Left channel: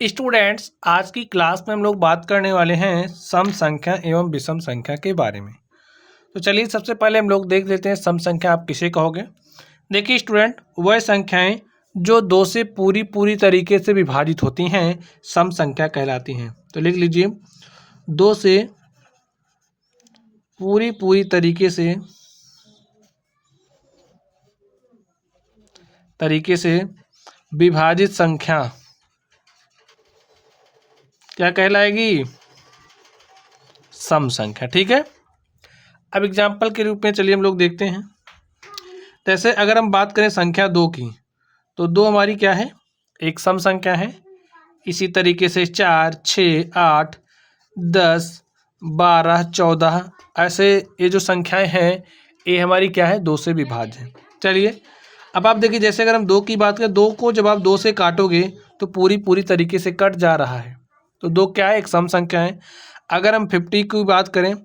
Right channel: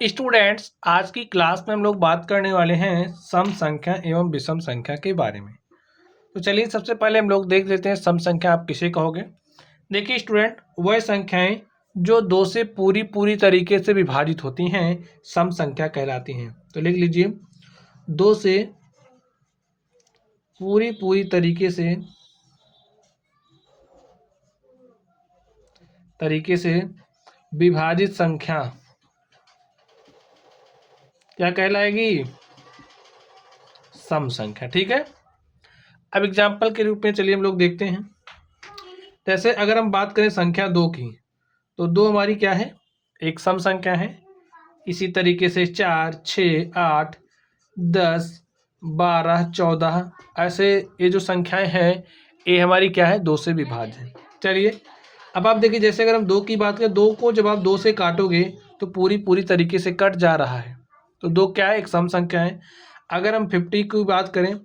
Students, आज की class में हम लोग बात करने वाले हैं सम संख्या एवं विषम संख्या के बारे में। तो चलिए सबसे पहले हम लोग देख लेते हैं सम संख्या आप किसे कहोगे। देखिए स्टूडेंट, वह संख्याएं जो दो से पूरी पूरी तरीके से विभाजित होती हैं सम संख्या कहलाती हैं। तो लिख लीजिए, दो से पूरी पूरी तरीके से विभाजित संख्या क्या कहलाएगी? सम संख्या। ठीक है, अब एग्जाम्पल के रूप में चलिए हम लोग देखते हैं। जैसे अगर हम बात करें संख्या दो की, तो दो हमारी क्या है? एक सम संख्या है। इसी तरीके से 4, 6, 8, 10, 12, 14 ऐसे ये जो संख्याएं हैं ये हमारी क्या है? दो से विभाज्य है। चलिए अब आप देखिए, जैसे अगर हम दो की बात करें, दो को जब आप दो से काटोगे तो पूरी पूरी तरीके से कट जा रहा है। तो दो क्या है? एक सम संख्या है। अगर हम 50 की बात करें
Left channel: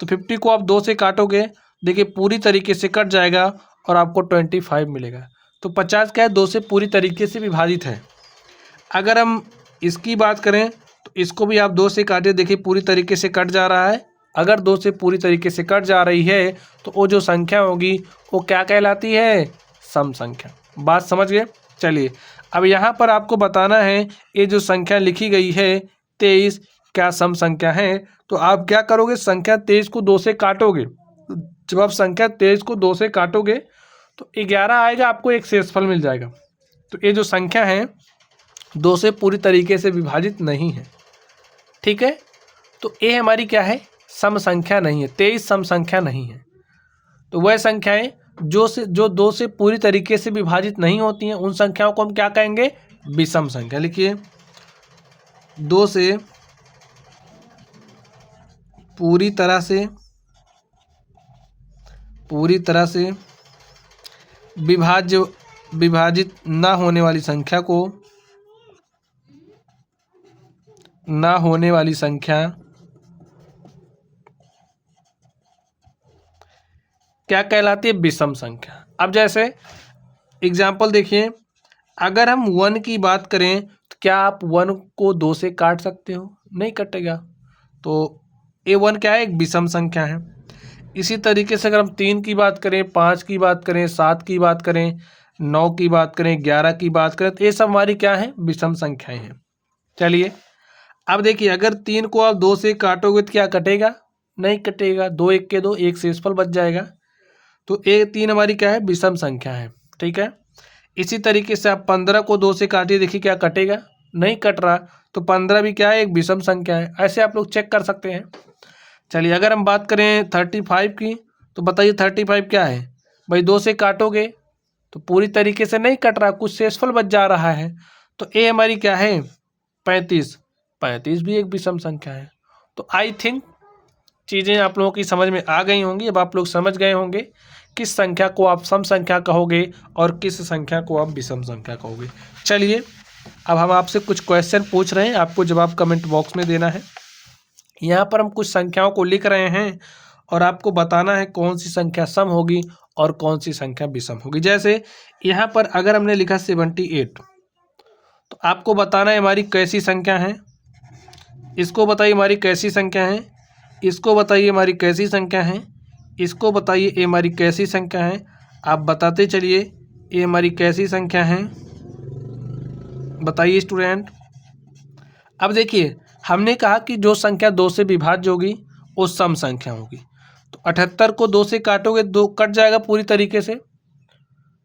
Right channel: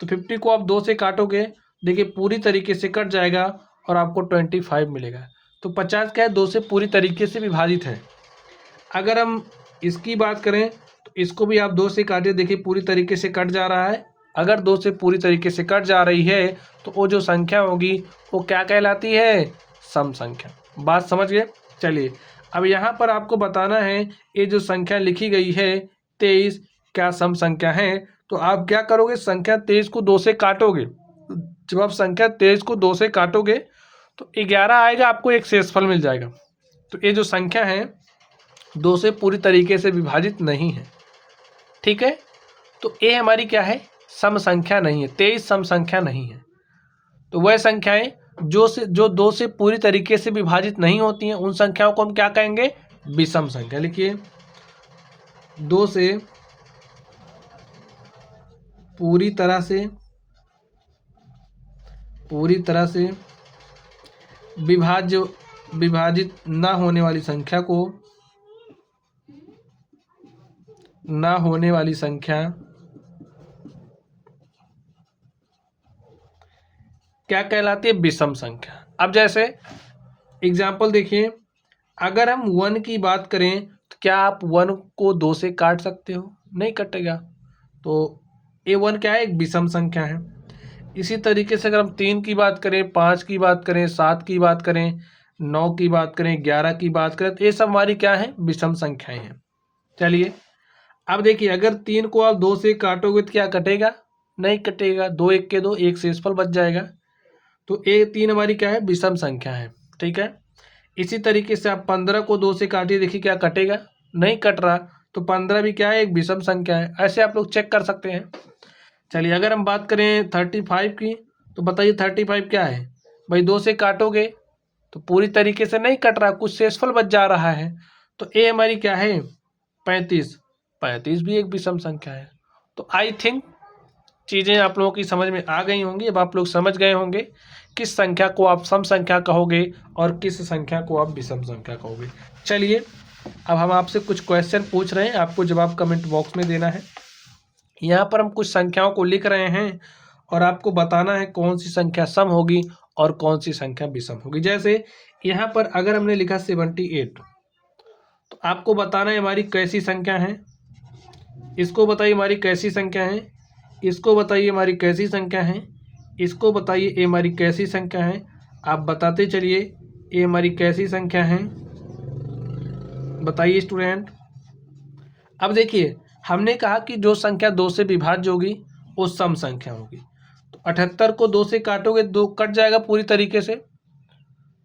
तो 50 को आप दो से काटोगे, देखिए पूरी तरीके से कट जाएगा और आपको 25 मिलेगा। तो 50 क्या है? दो से पूरी तरीके से विभाजित है। अगर हम इसकी बात करें तो इसको भी आप दो से काटे, देखिए पूरी तरीके से कट जा रहा है। अगर दो से पूरी तरीके से कट जा रही है तो वो जो संख्या होगी वो क्या कहलाती है? सम संख्या। बात समझ गए? चलिए अब यहाँ पर आपको बताना है ये जो संख्या लिखी गई है 23 क्या सम संख्या है। तो आप क्या करोगे? संख्या 23 को दो से काटोगे। जब आप संख्या 23 को दो से काटोगे तो 11 आएगा, आपको एक शेषफल मिल जाएगा। तो ये जो संख्या है दो से पूरी तरीके से विभाजित नहीं है। ठीक है, तो ये हमारी क्या है? सम संख्या नहीं है। 23 सम संख्या नहीं है। तो वह संख्याएं जो दो से पूरी तरीके से विभाजित नहीं होती हैं उन संख्याओं को हम क्या कहेंगे? विषम संख्या। लिखिए, दो से पूरी तरह से विभाजित ना होने वाली संख्या क्या कहलाती है? विषम संख्या। अब जैसे एग्जाम्पल देखिए, अगर हम 1 की बात करें तो क्या आप 1 को दो से काट सकते हो? नहीं कटेगा। तो A1 क्या है? एक विषम संख्या है। इसी तरीके से अगर हम 3 की बात करें, 5 की बात करें, 7 की बात करें, 9 की बात करें, 11 की बात करें, तो ये सब हमारी क्या है? विषम संख्याएं हैं। चलिए अब देखिए, अगर 3 को आप दो से काटोगे तो क्या कटेगा? नहीं कटेगा। दो एक के दो, एक शेषफल बच जाएगा। तो ये 3 हमारी क्या है? विषम संख्या है। ठीक है, इसी तरीके से आप 15 को दो से काटिए, देखिए क्या कटेगा? नहीं कट रहा। तो 15 भी क्या है? एक विषम संख्या है। ऐसे आप लोग चेक कर सकते हैं। चलिए अगर हम बात करें 35 की, तो बताइए 35 क्या है? भाई दो से काटोगे तो पूरी तरीके से नहीं कट रहा, कुछ शेषफल बच जा रहा है। तो ए हमारी क्या है? 35। 35 भी एक विषम संख्या है। तो आई थिंक चीज़ें आप लोगों की समझ में आ गई होंगी। अब आप लोग समझ गए होंगे किस संख्या को आप सम संख्या कहोगे और किस संख्या को आप विषम संख्या कहोगे। चलिए अब हम आपसे कुछ क्वेश्चन पूछ रहे हैं, आपको जवाब कमेंट बॉक्स में देना है। यहाँ पर हम कुछ संख्याओं को लिख रहे हैं और आपको बताना है कौन सी संख्या सम होगी और कौन सी संख्या विषम होगी। जैसे यहाँ पर अगर हमने लिखा 78, तो आपको बताना है हमारी कैसी संख्या है। इसको बताइए हमारी कैसी संख्या है। इसको बताइए हमारी कैसी संख्या है। इसको बताइए ये हमारी कैसी संख्या है। आप बताते चलिए ये हमारी कैसी संख्या है, बताइए स्टूडेंट। अब देखिए, हमने कहा कि जो संख्या दो से विभाज्य होगी वो सम संख्या होगी। तो 78 को दो से काटोगे, दो कट जाएगा पूरी तरीके से।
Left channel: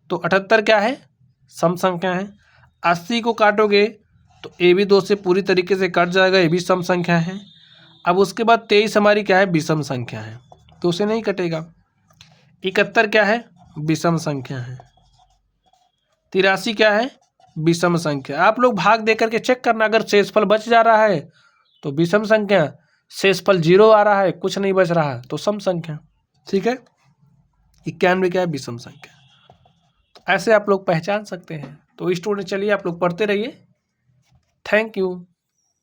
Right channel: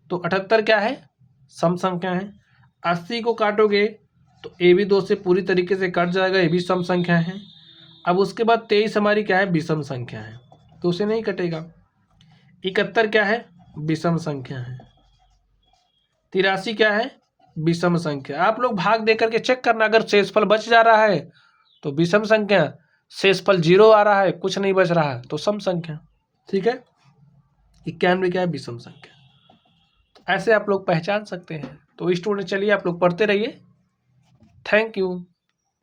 तो 78 क्या है? सम संख्या है। 80 को काटोगे तो ये भी दो से पूरी तरीके से कट जाएगा, ये भी सम संख्या है। अब उसके बाद 23 हमारी क्या है? विषम संख्या है, तो उसे नहीं कटेगा। 71 क्या है? विषम संख्या है। 83 क्या है? विषम संख्या। आप लोग भाग दे करके चेक करना, अगर शेषफल बच जा रहा है तो विषम संख्या, शेषफल 0 आ रहा है, कुछ नहीं बच रहा है तो सम संख्या। ठीक है, 91 क्या है? विषम संख्या। ऐसे आप लोग पहचान सकते हैं। तो स्टूडेंट चलिए आप लोग पढ़ते रहिए। Thank you.